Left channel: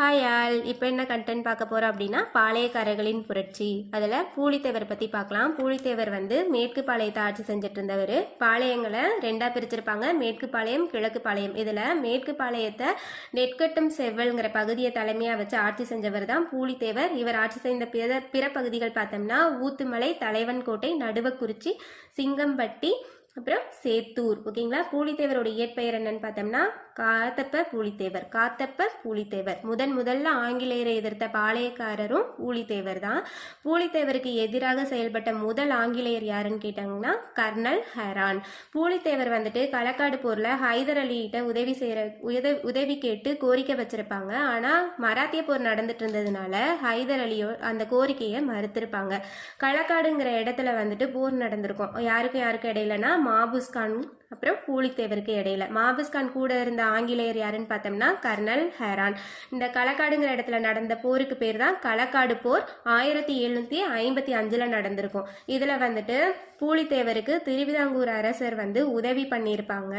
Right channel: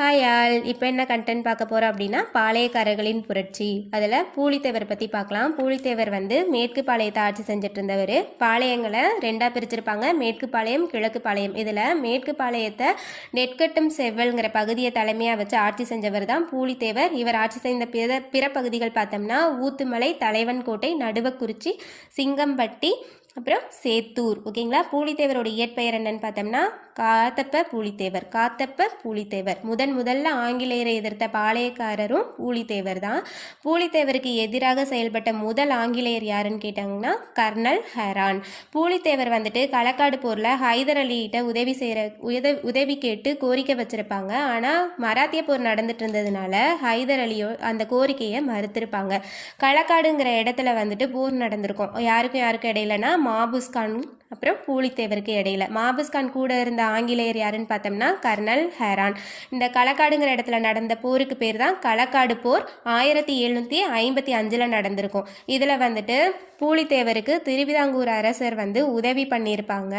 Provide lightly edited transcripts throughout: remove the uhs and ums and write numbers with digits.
Hi all. இப்போ என்ன content பார்க்க போகிறோம் அப்படின்னா பாளையக்காரர்களின் புரட்சி. அதில் பூலித்தேவர் பற்றி பார்க்கலாம். பூலித்தேவர் மேற்கு பாளையத்தை ஆட்சி செஞ்சுட்டு இருந்தவர். பாளையங்களை ரெண்டாக பிரிச்சிருப்பாங்க, மேற்கு பாளையம் கிழக்கு பாளையம். இதில் மேற்கு பாளையத்தை நெற்கட்டும் செவ்வல்ங்கிற பகுதியை தலைமையாக வச்சு ஆட்சி செஞ்சவர் தான் பூலித்தேவர். இவர் ஆட்சி செய்த பிற பகுதிகள் பார்த்தோம்னா ஊத்துமலை, தலைவன்கோட்டை, நடுவக்குறிச்சி, சிங்கம்பட்டி, அப்புறம் சேத்தூர். ஓகேங்களா. பூலித்தேவரோட இயற்பெயர் என்னன்னு பார்த்தோம்னா காத்தப்ப பூலித்தேவர். முதல்ல ஆங்கிலேயரை எதிர்த்த பாளையக்காரரும் பூலித்தேவர் தான். பூலித்தேவருக்கு எதிராக செயல்பட்ட முதல் ஆங்கிலேயர் யாருன்னு கேட்டாங்கன்னா கர்னல் ஹெரான். பூலித்தேவர் களக்காடு போரில் ஹைதர் அலிகிட்ட உதவி கேட்டு கோரிக்கை வச்சிருப்பாங்க. ஆனால் மராத்திய போர் நடந்துட்டு இருந்ததுனால ஹைதர் அலியோ அந்த கோரிக்கையை மறுத்திருப்பாங்க. களக்காடுங்கிற இடத்துல போர் நடந்திருக்கும். யாருக்கும் இடையிலனா மாபுஸ்கான் அப்புறம் பூலித்தேவருக்கு இடையில. மாபுஸ்கான் கூட இருந்த ஆங்கிலேயர் யாருன்னு பார்த்தோம்னா கர்னல் ஹெரான். இந்த களக்காடுங்கிற இடத்துல நடந்த போருக்கு பேர் தான் களக்காடு போர். 1755 நடந்திருக்கும். இதில் பூலித்தேவருக்கு திருவிதாங்கூர் அரசர் உதவி பண்ணியிருப்பாங்க.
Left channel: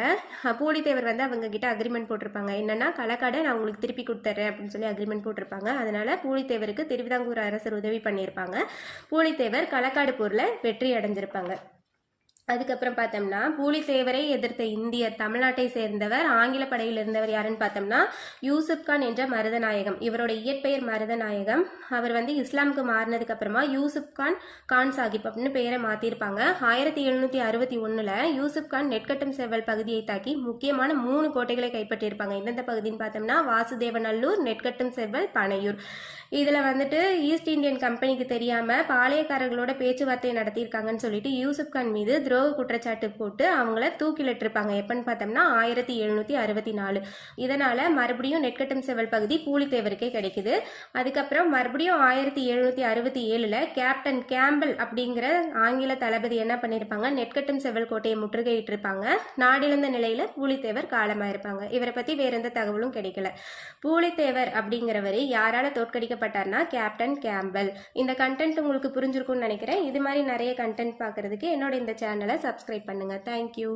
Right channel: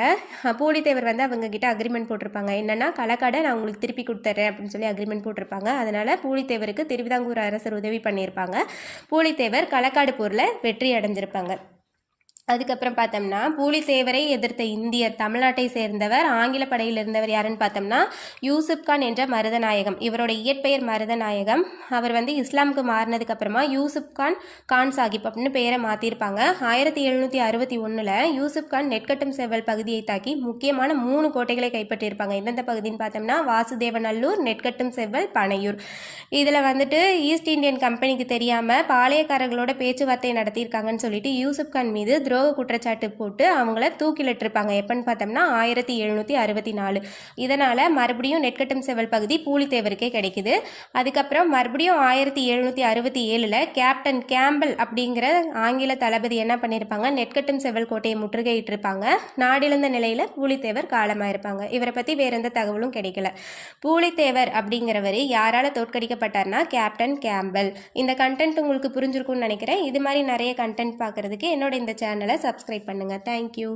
பூலித்தேவர் அவங்க கிட்ட அக்ரிமெண்ட் போட்டிருப்பாங்க. என்னன்னா களக்காடை நான் உங்களுக்கு திருப்பி கொடுத்துட்றேன் அப்படின்னு சொல்லி அக்ரிமெண்ட் போட்டிருப்பாங்க. அதனால பூலித்தேவருக்கு திருவிதாங்கூர் அரசர் உதவி பண்ணியிருப்பாங்க. பூலித்தேவர் களக்காடு போரில் வெற்றி அடைஞ்சிருப்பாங்க. அதுக்கப்புறம் பார்த்தோம்னா பூலித்தேவரை எதிர்த்த இந்தியர் தமிழ்நாட்டை சேர்ந்தவர், ஆங்கில படையில் இருந்தவர் யாருன்னு பார்த்தோம்னா யூசுப் கான் என்ற மருதநாயகம். இவரோட இயற்பெயர் மருதநாயகம். அவர் இஸ்லாமுக்கு மாறினதுக்கு அப்புறமா யூசுப் கான் சாஹிப் அப்படின்னு பெயரை மாற்றிருப்பாங்க. 1761 யூசுப் கான் நெற்கட்டும் செவ்வல் பகுதியை தாக்கி முக்கியமான 3 கோட்டைகளை கைப்பற்றியிருப்பாங்க. எந்தெந்த பகுதின்னு பார்த்தோம்னா வாசுதேவநல்லூர், நெற்கட்டும் செவ்வல், பனையூர். இதில் ஈஸ்ட் இந்தியன் கம்பெனிக்கு தெரியாமல் பாளையக்காரர்களோட பேச்சுவார்த்தை நடத்தியிருக்காங்கன்னு சொல்லிட்டு யூசுப் கான் மீது குற்றச்சாட்டு போட்டு அவங்கள தூக்கிலிட்டிருப்பாங்க. எப்பன்னு பார்த்தோம்னா 1764. இதனால மறுபடியும் நெற்கட்டும் செவ்வல் பகுதி பூலித்தேவருக்கே கிடைக்குது. அதுக்கப்புறம் மறுபடியும் 1767 கேப்டன் கேம்பல் அப்படிங்கிற ஆங்கில தளபதி என்ன பண்ணியிருப்பாங்க, நெற்கட்டும் செவ்வல் கோட்டையை முற்றுகையிட்டிருப்பாங்க. நாடிழந்த நிலையில பூலித்தேவர் காலமாயிருப்பாங்க. இவரை பத்தி வேற எந்த தகவலும் கிடைக்கல. பூலித்தேவர் அப்படிங்கிறவர் யாரால தோற்கடிக்கப்பட்டார்னா கேப்டன் கேம்பல். இந்த கண்டென்ட் உங்களுக்கு புரிஞ்சிருக்கும்னு நினைக்கிறேன். இது மாதிரி நிறைய கண்டென்ட் பார்க்கறதுக்கு என்னோட இந்த சேனலை சப்ஸ்கிரைப் பண்ணுங்கள். தேங்க்யூ.